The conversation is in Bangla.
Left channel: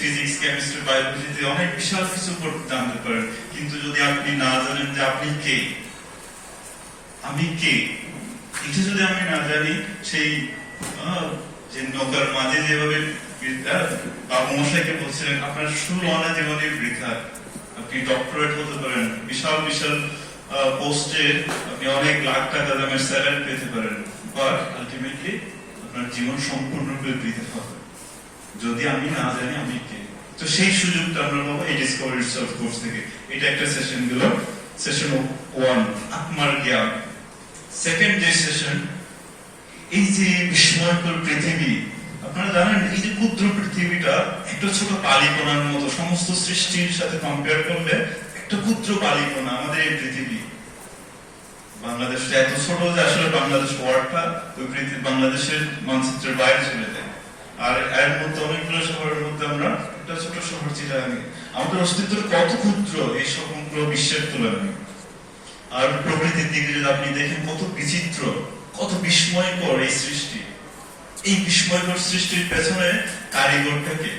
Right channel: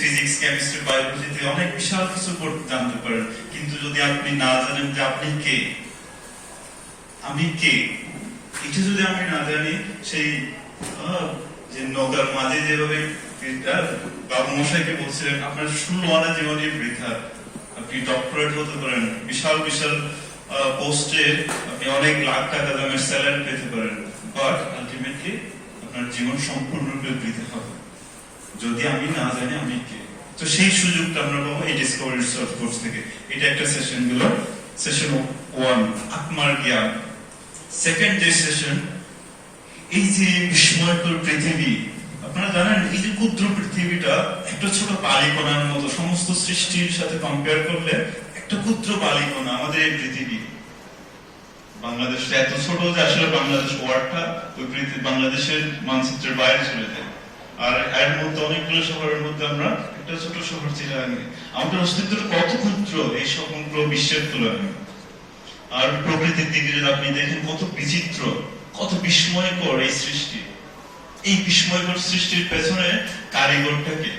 ফিজিক্স, কেমিস্ট্রি, বায়োলজিতে অনেক বিশাল কিছু জানতে পারেন, কিন্তু যদি আপনি না জানেন যে আপনি কে, আমি কে, এটা যদি আমি না জানি, সেই যে নৌকার মাঝে যেভাবে বাবু মশাইকে বলছিলেন আপনার 16 আনা জীবনের বৃথা। আপনি ডক্টরেট হতে পারেন, বিশাল বিশাল পোস্টে আপনি অনেক লাখ টাকা দামের স্যালারি পেতে পারেন, বাট আলটিমেটলি আপনার জীবন সম্পূর্ণরূপে বৃথা হবে যদি আমি না জানি আমি কে। তো সেই সুযোগটা আমরা পাবো এই ডিসকভারি সেলফ কোর্স থেকে। এটা একটা সেশন গেল, সেশন 1 আত্মার জ্ঞান। সেকেন্ড যে সেশন, এই যে বিস্ময়কর পৃথিবী, আপনারা জানেন এই যে ক্ষুদ্র পৃথিবীটা একটা ছোট বালিকণার মতো, সমস্ত সৃষ্টির সাথে কম্পেয়ার করলে একটা ক্ষুদ্র বালিকণা আমাদের এই পৃথিবী। বাংলাদেশটা এত ছোট যে আসলে বাংলাদেশ ওয়ার্ডটা ওই পৃথিবী বাংলাদেশের মানচিত্রের বাইরে চলে যায়। আর এর মধ্যে অনেকগুলো শহরের মধ্যে আমরা একটা ছোট শহর চিরাঙ্গি। আমাদের অস্তিত্বটা কত ক্ষুদ্র এই সমগ্র বিশ্বের তুলনায়। আর প্রকৃতির দিকে যদি আপনি দেখেন কত বিচিত্র, কত বিস্ময়কর এই সৃষ্টি। এই বিস্ময়কর সৃষ্টির পেছনে কারিগরটাকে